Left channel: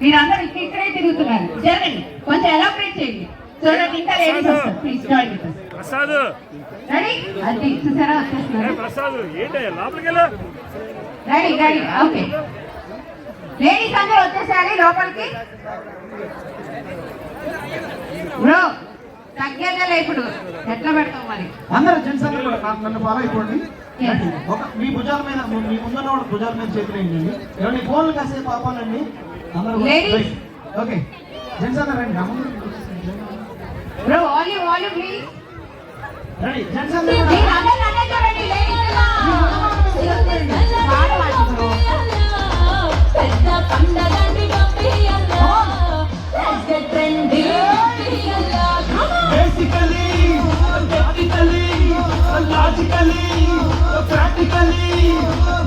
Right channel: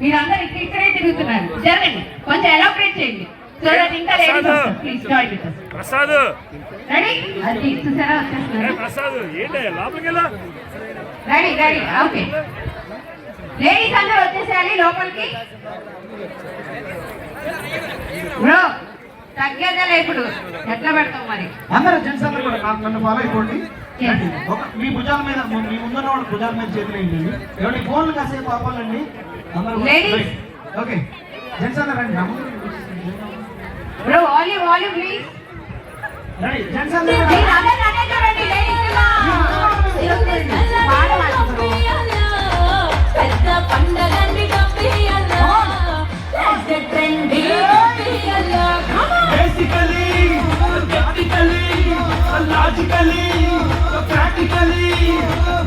మీరందరూ ఇక్కడే తిరుగుతున్నారు. జరగండి, కొంచెం ఎలాబరేట్ చేయండి. సో దట్ ఇంకా లేడీస్ వస్తారు. Please join with us. Prasad ready? అది చూసారా వచ్చేస్తున్నారు. ప్రసాద్ ఏంటి లోపలికి వెళ్ళు. Ready ready okay. లేడీస్ అందరూ వచ్చేసేయాలి లోపలికి. బ్రో తగ్గేదే లేకుడు ఎట్లా పెడతాం మరి. అందరూ జెంట్స్ అందరూ నన్ను ఫాలో అయిపోండి. మీ భుజాల మీద మీ ముందున్న వాడు భుజాల మీద చేతులు వేయండి. ఎవరి ఫోన్లు కాసేపు ఆపాలండి. లేడీస్ ఓకే జెంట్స్ అందరూ రండి. Bro volume volume please. Ready gents అందరూ మీరు అందరూ రండి లేడీస్. పెద్ద పండగండి గప్పియల్లా ట్రెండీ గప్పియల్లా basically technically logically practically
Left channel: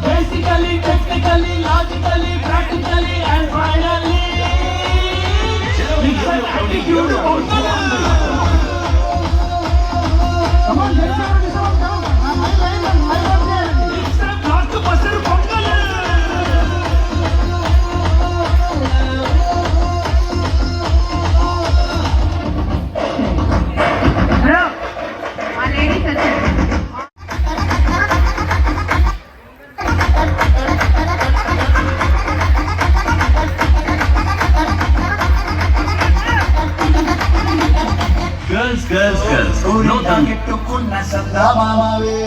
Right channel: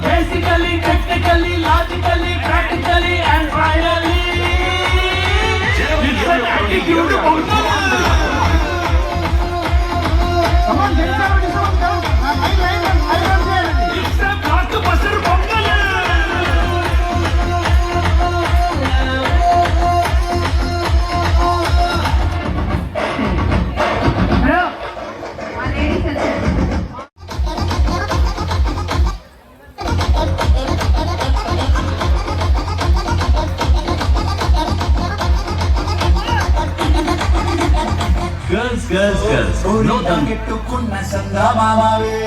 basically technically logically practically and finally it's an attitude of girls. No don't get to kunna sanda mamawe.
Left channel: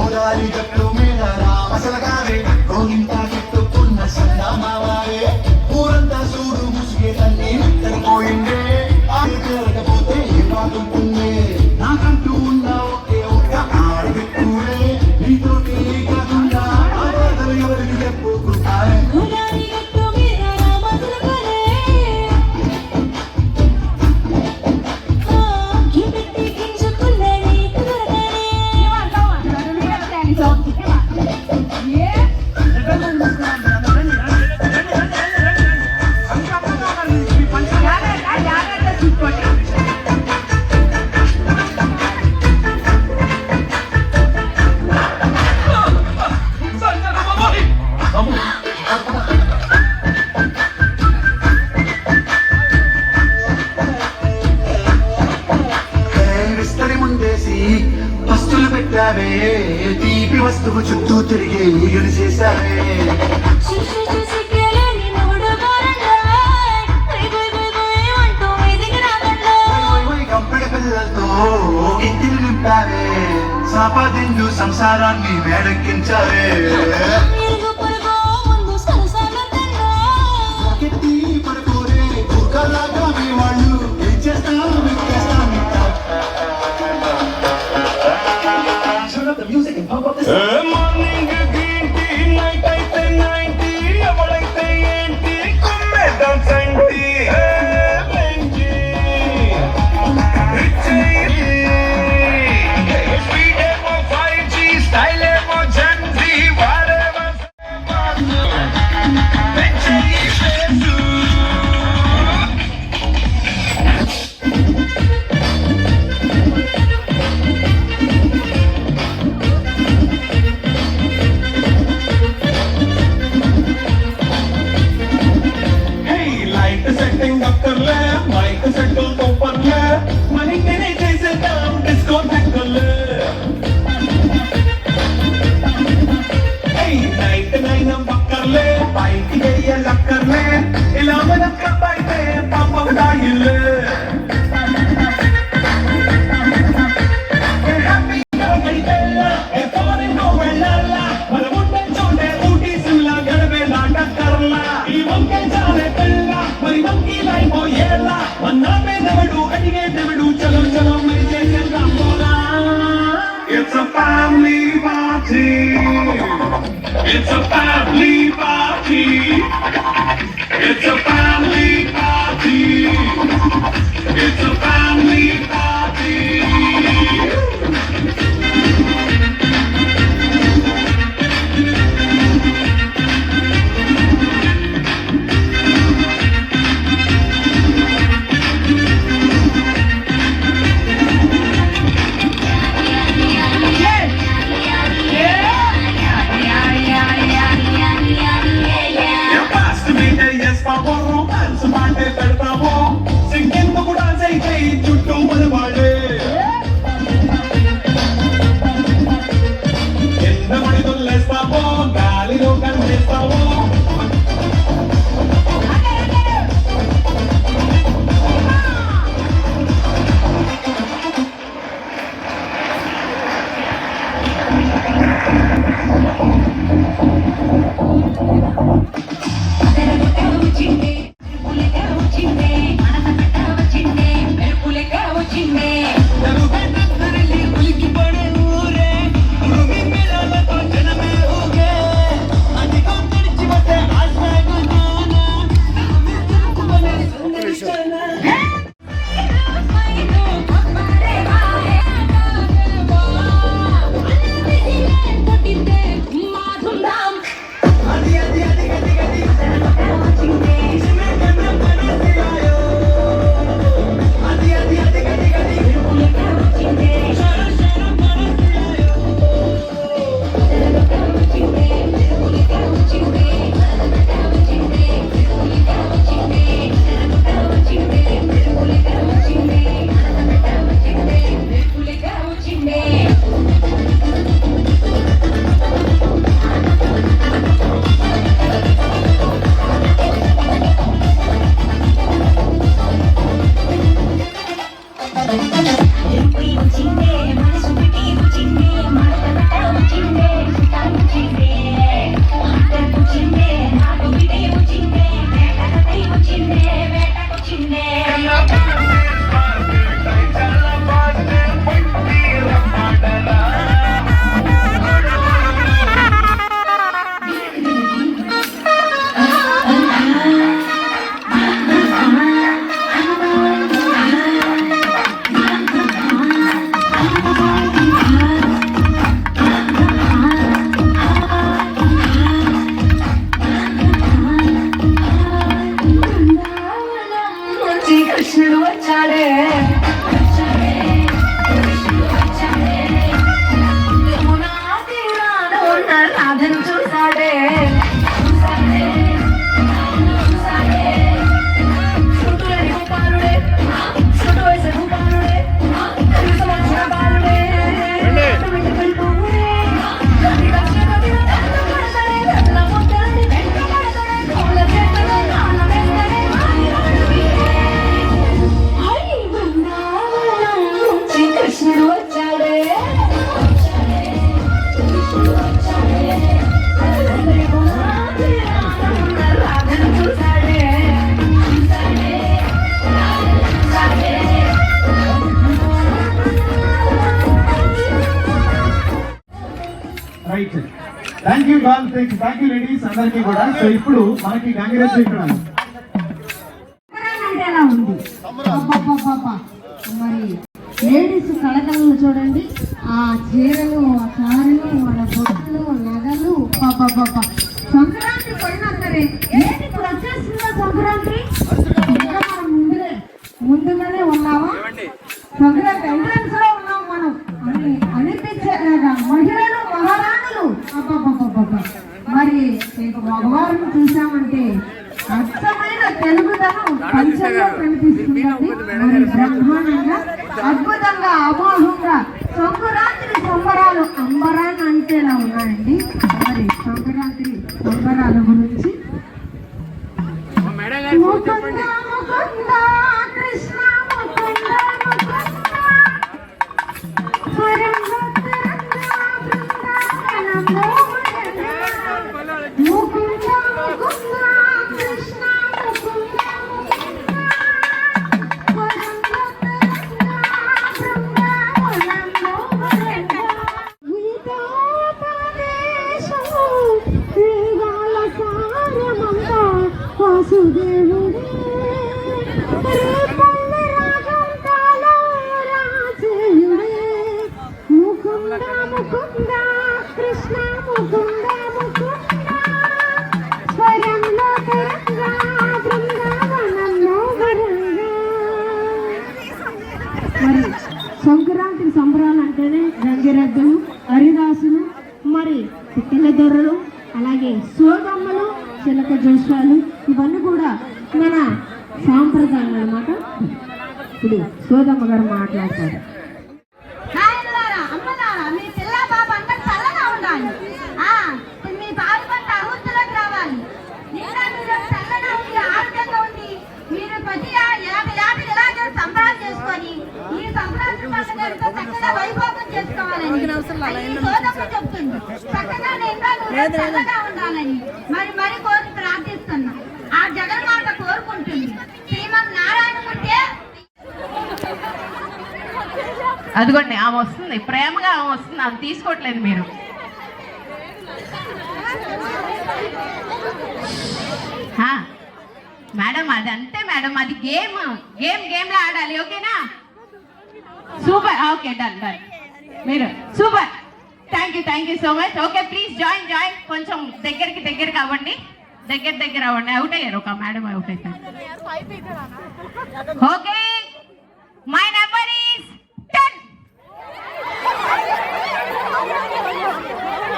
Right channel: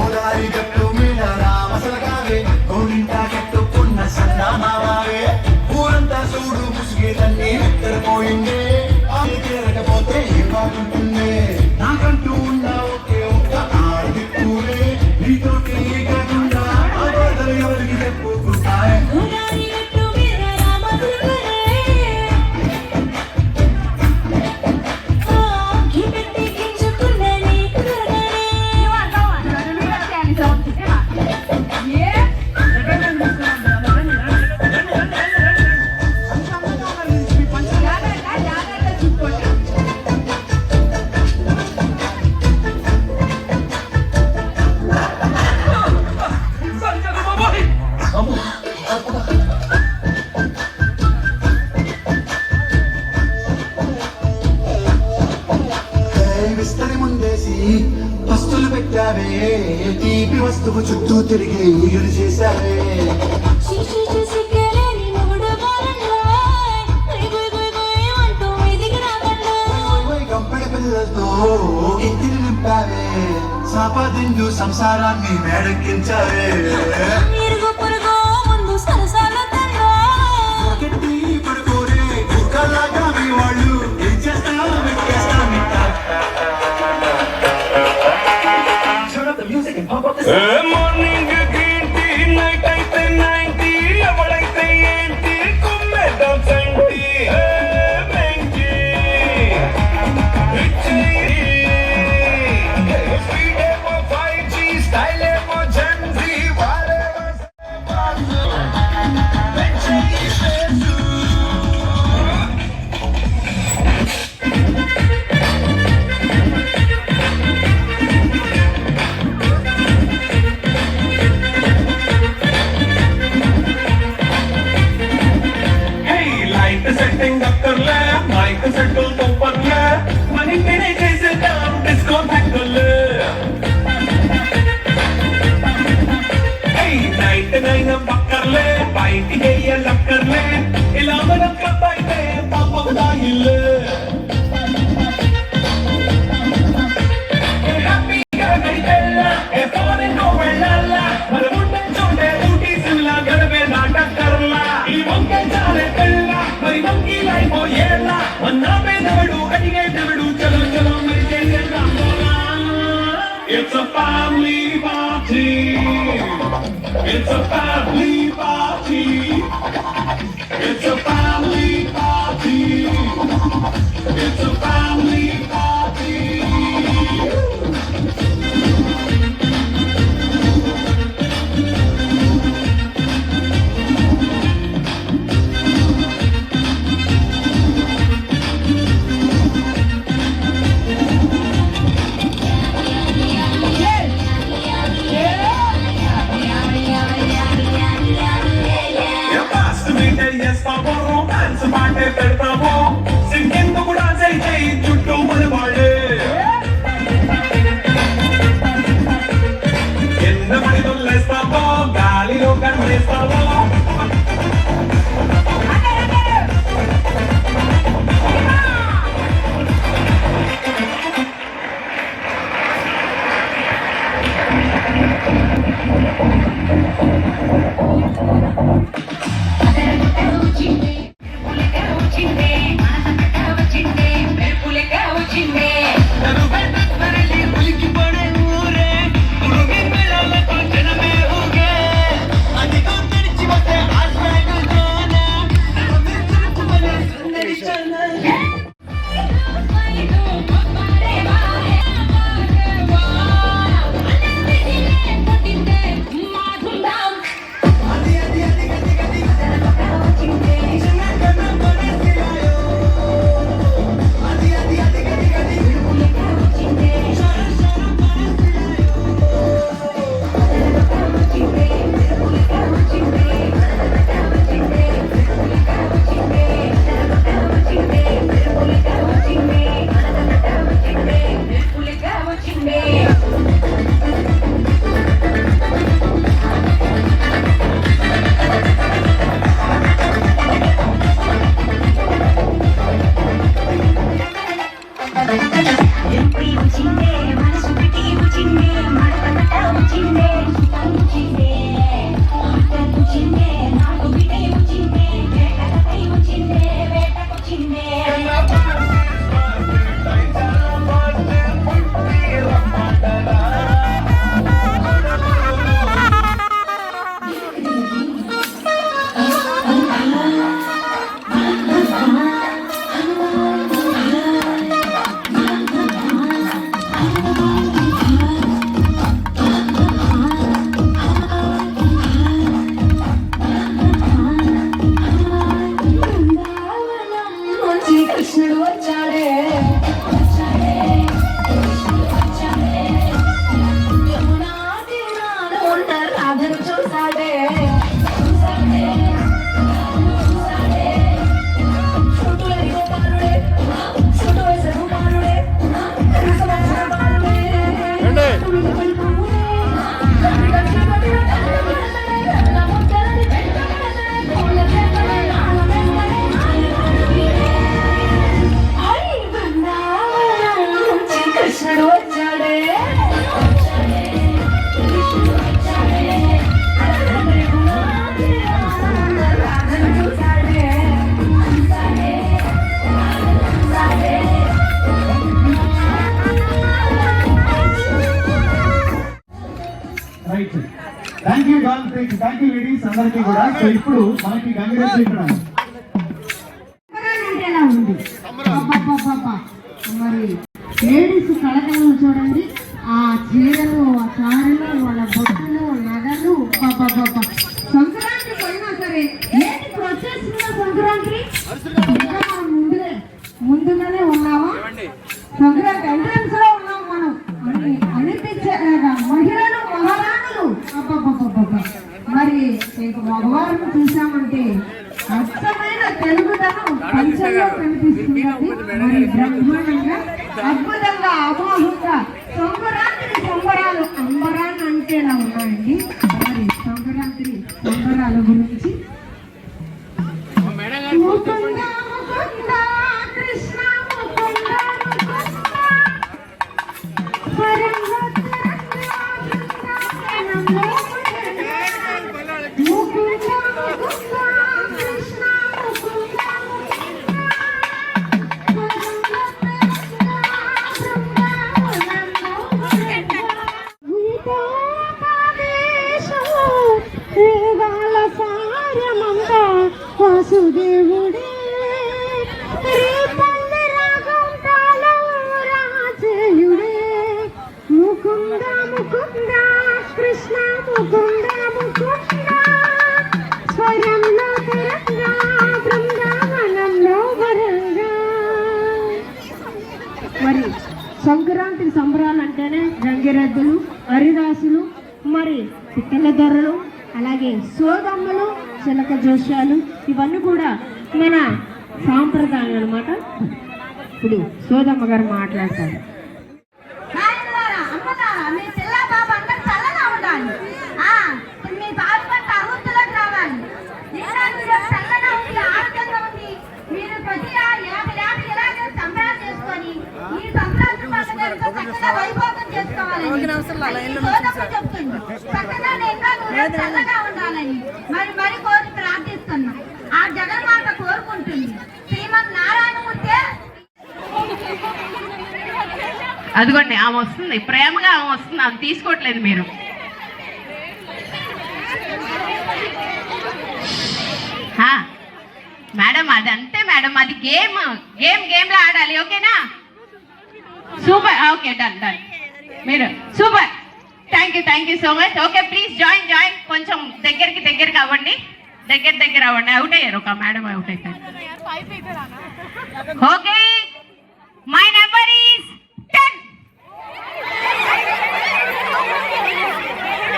Orari gattu mila rama salagave. Olinta get to kunna sanda mamawe. Uranta sudu musge tanni vittar poinde. Aade kerakapote ivaguntunne. Nakantu unna oke oka aardikure. Neetoti gadunda avadaru evariki cheppukuntare. orari gattu mila rama salagave. పస్తులు పెట్టావే తీపి వస్తువు చుట్టూ తిరిగి ఊయలు చేశావే కంపెడ పిల్లలతో ఇంటిని నింపావే సంపాదించు సంసారాన్ని మేడెక్కించావే వాళ్ళు ఏం చేస్తావు మార్నింగ్ గ్రీన్ టీ నైట్ అయితే 90 ఎవరైతే ఏంటి కుమ్మేద్దాం సంటి స్పీడేమో 5G స్టైలేమో జెన్జీ వాడేమో సెట్టింగ్ అక్కర్లే మైక్ సెట్టు తొప్పర్లే మనీ తినే చేసేద్దాం డిస్కో సెక్కులే 99 పక్కర్లే పైకి వెయ్యలక్కర్లే ఇలా మనం క్లబ్ అయితే పాపం దాయిల్లే హ్యాపీగా గడిపెళ్ళా ఏ ఫారెన్నో వెళ్ళాలా మన ఉండే చోటే ఊటీ సిమ్లా గడపే నాటక్కర్లా ఈ వంకే చాలే పెళ్ళ మరి వంకీ లైఫ్ ఏళ్ళ అన్నామే దేవుడు అడిగే దేవుడు చలో చలో మరి చేసేద్దాం పోరా It's a family party. It's a family party. It's a family party. It's a family party. Yeah, yeah, yeah, yeah. రాధను చూసాడే కృష్ణుడు వచ్చాడే రాధను చూసాడే right thank you ball thank you ladies అందరికీ కూడా. సో ఇప్పుడు మనకి గంగిరెద్దు ఇక్కడ అంటే ఎలా ఉంది అబ్బబ్బబ్బబ్బా. మరి లేడీస్ కళకళలు చూడండి, ఆ చీరలు, ఆ చారలు, వాళ్ళ బొట్టులు, నగలు, అబ్బబ్బబ్బబ్బా. సంక్రాంతి పోయినా సరే ఏంటి ఇప్పుడు వచ్చేసిందా సంక్రాంతి? ఇంకా మనం ముందుగానే ఉన్నామా? సంక్రాంతి ఎంట్రన్స్ లో ఉన్నాం మనం అని అనిపించేలాగా మహిళలు మహారాణులు అబ్బబ్బబ్బబ్బా. మరి ఇంక మగవారిని చూసామంటే అద్భుతమైన తెలుగుదనం పంచంలో కనిపిస్తుందండి. మరి బ్రహ్మాండంగా అద్భుతంగా అమోఘంగా సంక్రాంతి సంబరాలు అంబరాన్ని అంటేలా ఉన్నాయండి. మరి సంక్రాంతి సంబరాల గురించి ముకుంద ముకుంద కృష్ణ ముకుంద ముకుంద ముకుంద కృష్ణ వాసుదేవుడే ముకుంద ముకుంద కృష్ణ ముకుంద ముకుంద స్వరంలో తరంగా బృందావనంలో వరంగా. మరి సంక్రాంతి సంబరాలు అంటేనే గంగిరెద్దులు, హరిదాసులు, మరి పిక్కల దొరలు, అలాగే సోదమ్మలు, చిలక జోష్యాలు, ఇవన్నీ కూడా మన సాంప్రదాయాలు అన్నమాట. ఇప్పుడు సోదమ్మ గారు మాట్లాడతారు. మరి మరి కోరి ప్రార్థిస్తున్నాం. ఆ జగన్మాత కోరుకుంటుంది శ్రీమద్ నారాయణమూర్తి. అదిగోండి ఆమె వస్తుంది, ప్రేమగా ఆమె వస్తుంది, ఆమె తీసుకోవట్లేదు మీరు. మేడం అది అంతే మేడం, అది గేమ్ లో ఆడాలి. ఓకేనా? సూపర్. Okay, done done. మీరు super. Thank you so much. Okay, please join. కొంచెం దగ్గరికి అవ్వండి, దగ్గర అవ్వండి. అవుట్ అయ్యారు, ఒక మేడం అవుట్ అయిపోయారు. Okay, my number is 10.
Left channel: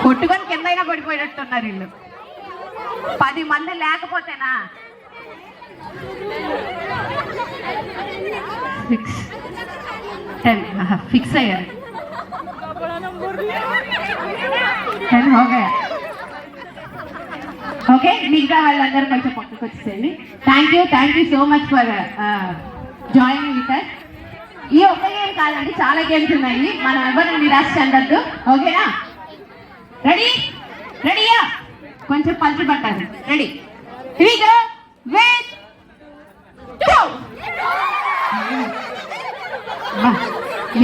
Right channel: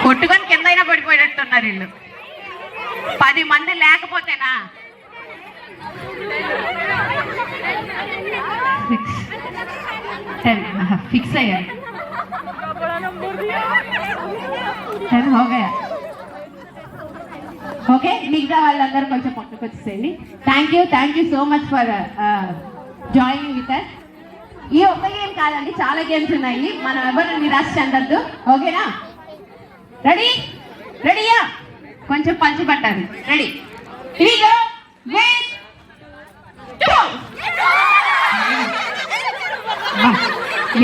కొట్టుకొని కిందైనా పడిపోయినట్టున్నారు వీళ్ళు. 10 మంది లేకపోతేనా? 6, 10 ఫిక్స్ అయ్యారు. 10 ఓకే, మిగతా వాళ్ళందరూ కొంచెం పక్కకు వచ్చేసేయండి. Thank you so much for joining with us. ఈ ఒక్క గేమ్ కాదండి, చాలా గేమ్స్ ఉన్నాయి. మనం ఎవరిని నిరాశ చెందద్దు. ఓకేనా? రెడీయా? కొంచెం పంచి పట్టారు. రెడీ?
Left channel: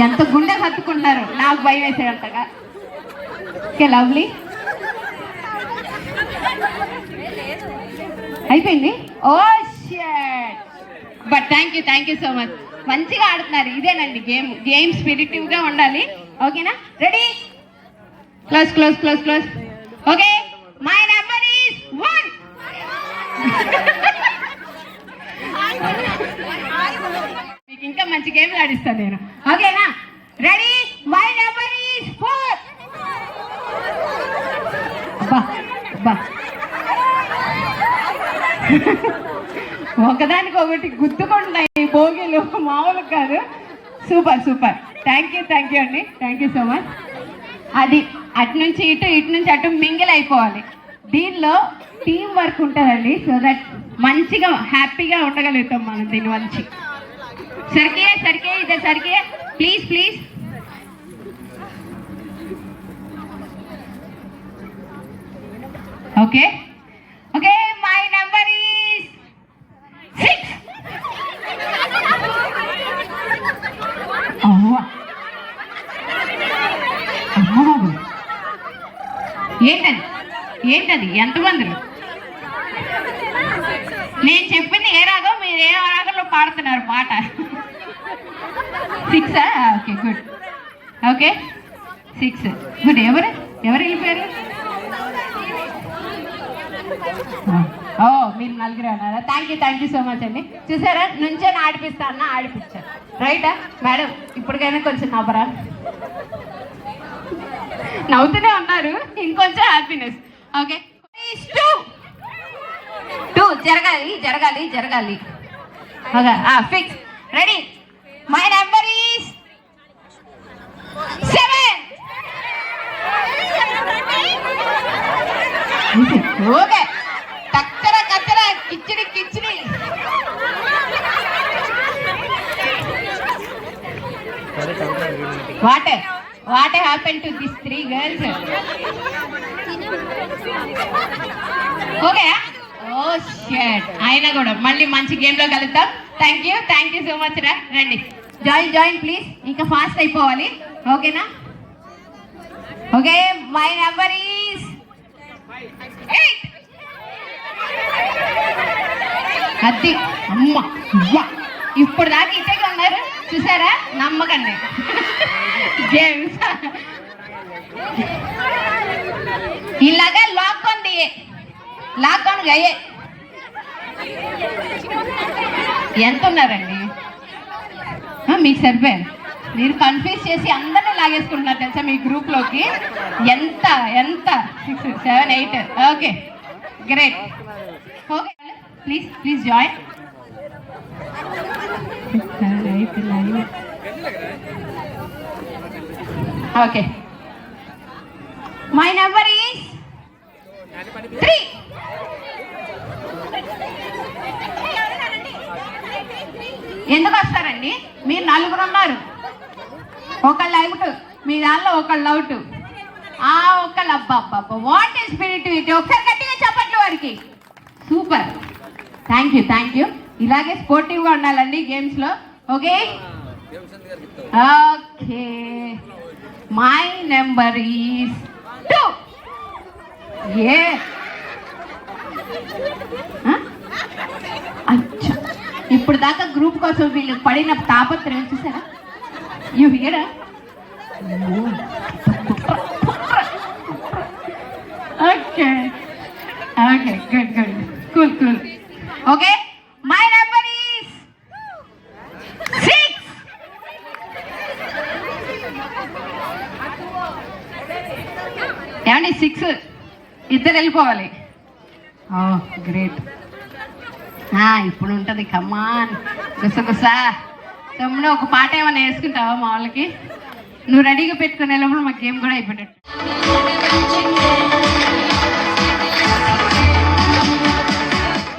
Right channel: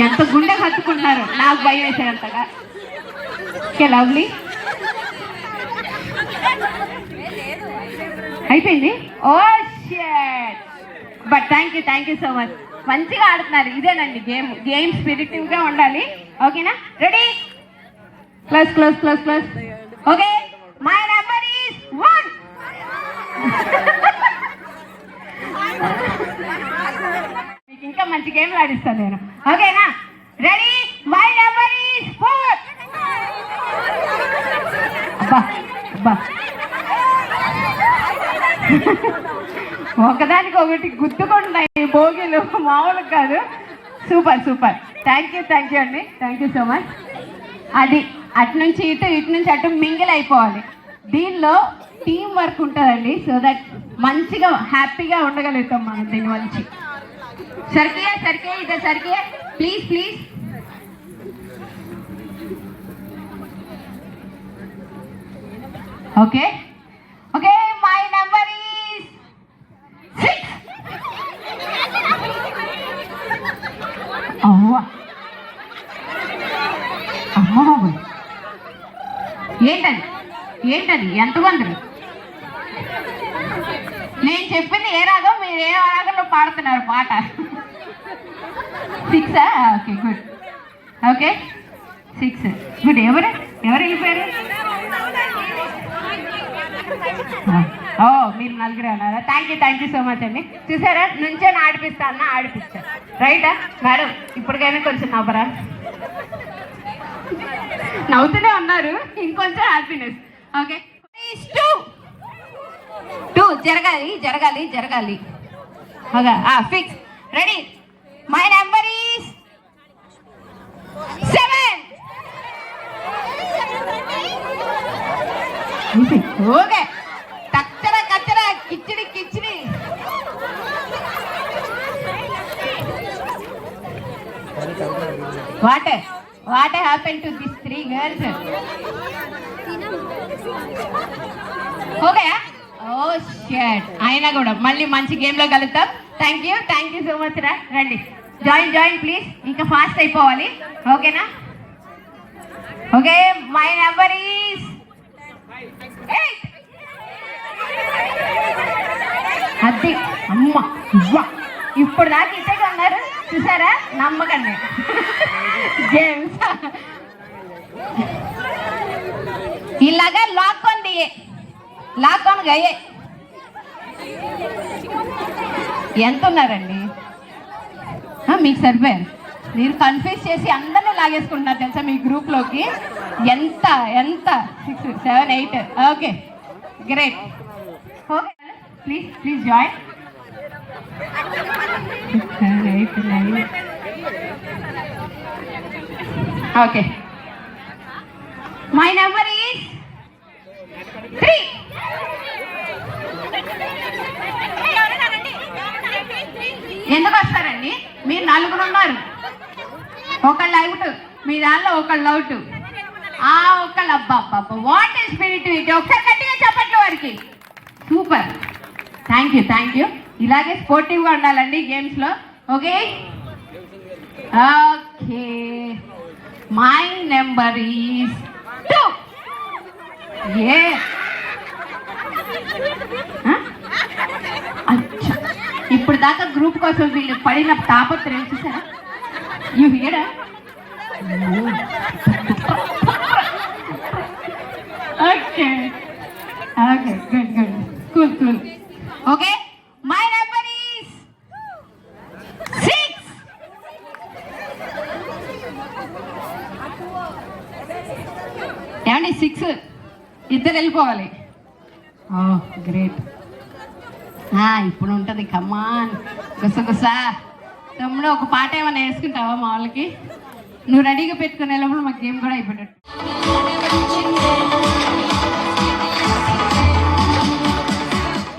ఎంత గుండె కత్తుకున్నారు, నాకు భయం వేసేంతగా. Okay, lovely. అయిపోయింది. Oh shit. But thank you so much. మంచిగా ఆడుతున్నారు. ఇదేనండి గేమ్ స్పిరిటివ్ గా ఉండాలి. ఓకేనా? Ready? Close. Okay, my number is 1. మీకు ఇంకా మంచి గేమ్లు ఆడిస్తాను నేను. ఓకేనా? రెడీ? My number is 4. బా బా ఒకదానికి ఒకటి గుర్తుకుంటున్నాయి భోగిలు, మామూలు కాదు. సూపర్ సూపర్, థ్యాంక్ యూ అండి, థ్యాంక్ యూ సో మచ్. అది అటు నుంచి ఇటు నుంచి అటు మింగిల్ అయిపోవాలి. దీనిలో టీం వర్క్ ఉంటుందండి, సో దట్ మంచిగా హ్యాపీగా ఉండగలుగుతాం మనం దీని నుంచి. సరికే ఇదే సరికే, please. Okay, my number is 6. అమ్మా బాబు, ఏంటది ఎంతమంది? నేను చెప్పింది ఏ రాగం, మీరు ఏ రాగంలో పాడుతున్నారు పాట? 6. Okay good, okay 6 good. ఎవరు వెళ్ళిపోయారు? ఓ మీరు నలుగురు అన్నారా? థ్యాంక్ యూ సో మచ్ అండి. చూసారా, నుంచే ఆడిపిస్తా రైటా మేడం? ఇప్పటికైనా కొంచెం నవ్వరా? నవ్వుతూనే ఉన్నారు, ఇంకొంచెం హ్యాపీనెస్. ఓకే 2 జరగాలి. Okay fix, ready. My number is 7. Okay, కచ్చరా khichdi. What happened to these 3 girls? Okay, oh shut, అయినా కూడా మళ్ళీ మంచి గేమ్ లో కలుద్దాం. థ్యాంక్ యూ సో మచ్ రా. రండి, జాయిన్ ప్లీజ్. ఇంకా ఫాస్ట్ అయిపోవాలి, ఓకేనా? Okay, my number is 8. అది అమ్మ, ఇప్పుడు దాకా ఇట్టే ఉన్నారు చూసారా, నమ్మకండి. జేమ్స్ ఇలాగా లాక్ ఆన్ అయ్యే. ఎంత ఉన్నారండి? మీకు సరిపోయారు. మీరు కన్ఫ్యూజ్ చేసి అందరినీ లాగేసుకుంటున్నారు తెలుసా మీ గ్రూప్ లోకి. ఎంత 6, 7, 8. Okay great. Okay please join. Okay, my number is 3. ఎందుకు వస్తారండి? మీరు 4 ఉన్నారు, ఒకళ్ళు అవుట్, మీ దానిలో ఒకళ్ళు అవుట్. ఒకళ్ళు అబ్బా వాట్ ఈస్ స్పిరిట్ ఇట్. ఒకసారి గట్టిగా చెప్పండి వారికి. Super, thank you. ఇలాగే స్పోర్టివ్గా ఉండాలండి గేమ్స్ లో. Okay my number is 2. ఇప్పుడు దాకా గ్రూప్ కోసం వీళ్ళు పడిన తాపత్రయం చూసారా? You here? Okay good. Okay, my number is 6. ఏమండి 6 ఇద్దరు వెళ్ళిపోవాలి. గ్రేట్. ఇప్పుడు ఉంటుంది, కమాన్ గుసగుసా. తమ్ముడు ఒక పాట ఏమైనా వేసుకుంటావా మా వాళ్ళకి? నువ్వు రెడీగా పెట్టుకుని వెళ్ళినప్పుడు మా గేమ్ కూడా అయిపోయినట్టు.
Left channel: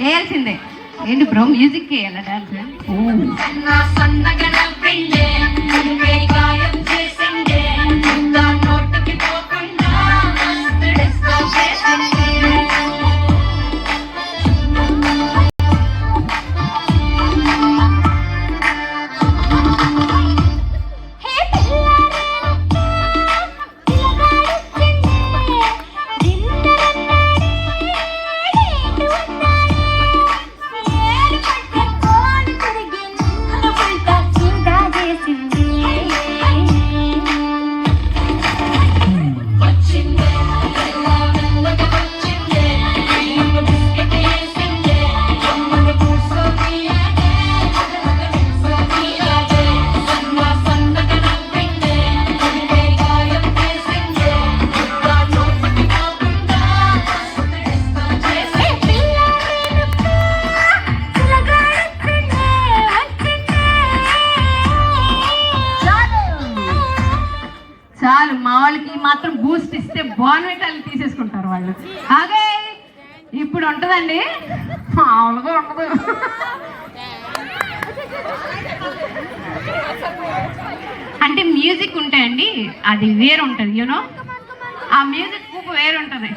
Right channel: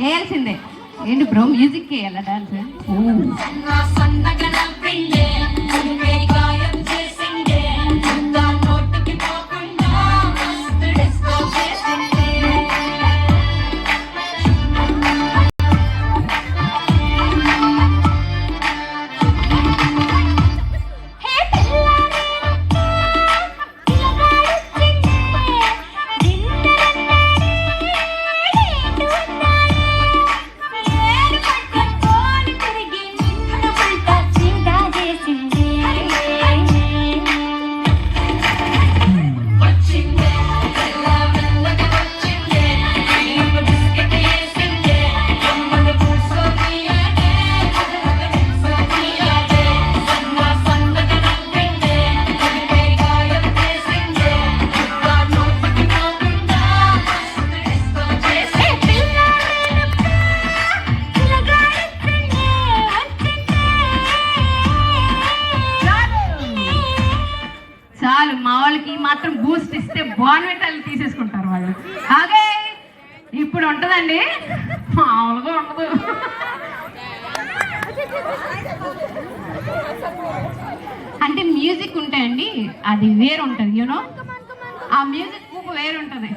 వేయాల్సిందే. ఏంటి బ్రో, మ్యూజిక్ వేయాలా డాన్స్? చేసి వాళ్ళు. ఓకే ఇప్పుడు ఉంటుందండి, మామూలుగా ఉండదు. అంటే మ్యూజిక్ ఉంటాయండి, అది వేరు ఉంటుంది, యూనో ఆ మ్యూజిక్ వేరు ఉంటుంది.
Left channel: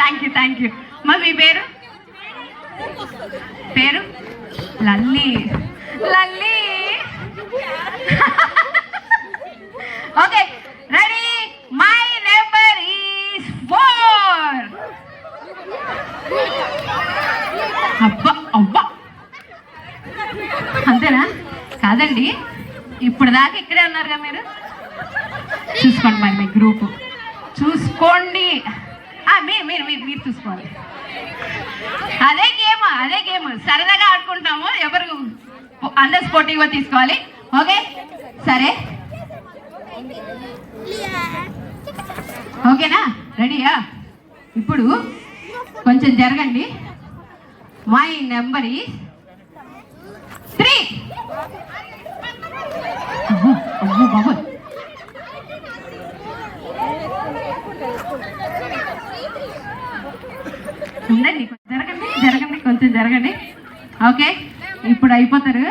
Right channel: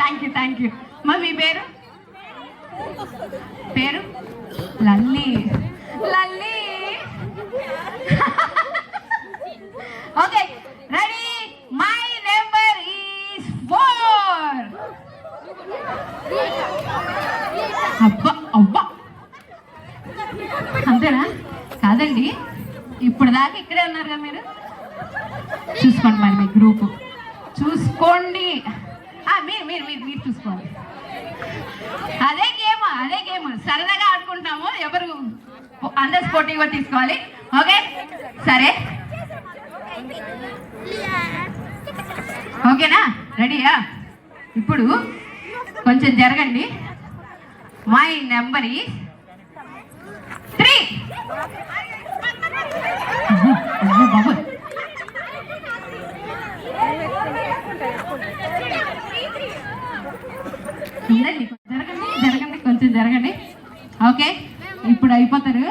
Thank you. మరి మీ పేరు Lalli. Okay ready, my number is 4. అబ్బా అంతేనా? కాదండి, ఇప్పుడు దాకా ఇక్కడే ఉన్నారుగా మీరు. చూసుకోండి మరి మీ గ్రూప్ చూసుకోండి. మీరు చూసుకోవాలి. అదే గేమ్ సరదాగా ఆడుకుంటాము, ఎవరు అందరు స్పోర్టివ్గా తీసుకోవాలి. ఓకే సరే, ఓకేనా? రెడీయా? ఇప్పుడు కొంచెం జరగండి. My number is 3. ఉండండి, జరగండి కొంచెం జరగండి. ఓకే ఇప్పుడు అయిపోతారు.